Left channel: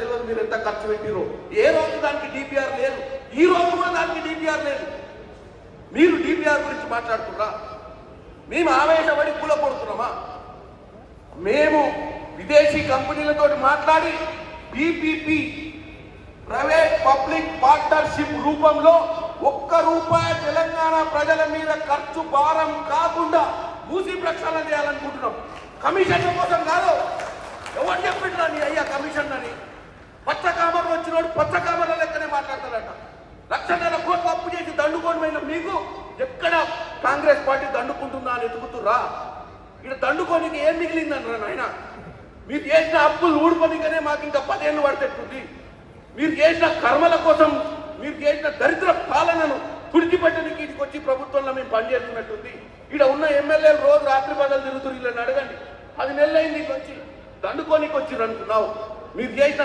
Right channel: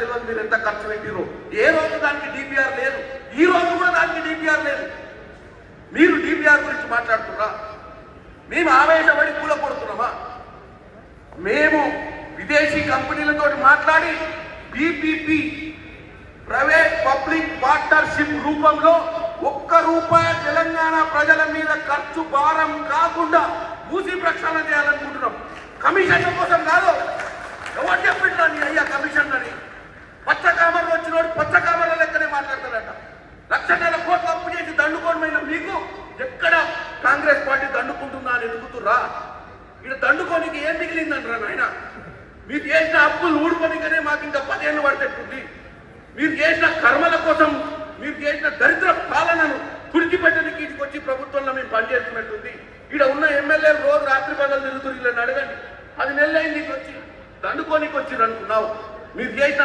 తెలియదు మీరు ఎంత ఖర్చు పెట్టిరో. ఏ రోజు దానికి డిపిఆర్ లేదు, ఈ రోజు కూడా దానికి డిపిఆర్ లేదు. మీరు డిపిఆర్ గురించి మాట్లాడుతున్నారా? మేము ఆవేశపడి కూలపడుతున్నామా? మేము విదేశీ కంపెనీలతో మాట్లాడి పిపిపి ప్రైవేట్ పబ్లిక్ పార్ట్నర్షిప్ రూపంలో ₹1 తెలంగాణ ప్రజల మీద ఖర్చు భారం కాకుండా మూసి ప్రక్షాళన చేయాలనుకుంటున్నాం. కమిషన్ల కోసం కాదు. ఎవరు చెప్పిండ్రా నీ అయ్యా కమిషన్ అని? పచ్చ కామర్లు వచ్చినోడు పచ్చ కామర్ల లెక్కనే మాట్లాడతాడట. 1,00,000 కోట్లు అప్పు చేసి దండుకోవడమైన మీకు ఎక్కడ కాంగ్రెస్ పార్టీ దండుకుంటుందా అని ఎదుగుతురా? ఇక్కడ దండుకోనికి ఏం మిగిలిందంటారా నాయన? మీరు చేసిన అప్పులు ఊడుకోనికనే మాకు ఇంకా 10 ఏళ్ళు పడితేట్టుంది. మీరు చేసిన కర్మల కోసం, మీరు చేసిన దరిద్ర పాలనను తుడిచిపెట్టడానికి ఇటుకు వచ్చి ప్రభుత్వంలో మేము పనిచేస్తున్నట్టుంది. ఇక్కడ ఉన్న ఎమ్మెల్యేలు రోజు రాత్రి పగలు తిరుగుతున్నారు. వీళ్ళని అడగండి. 10 నెలలు అయింది వచ్చి దండుకోనికి వచ్చిర్రు అనుకున్నావు. మీరు చేసిన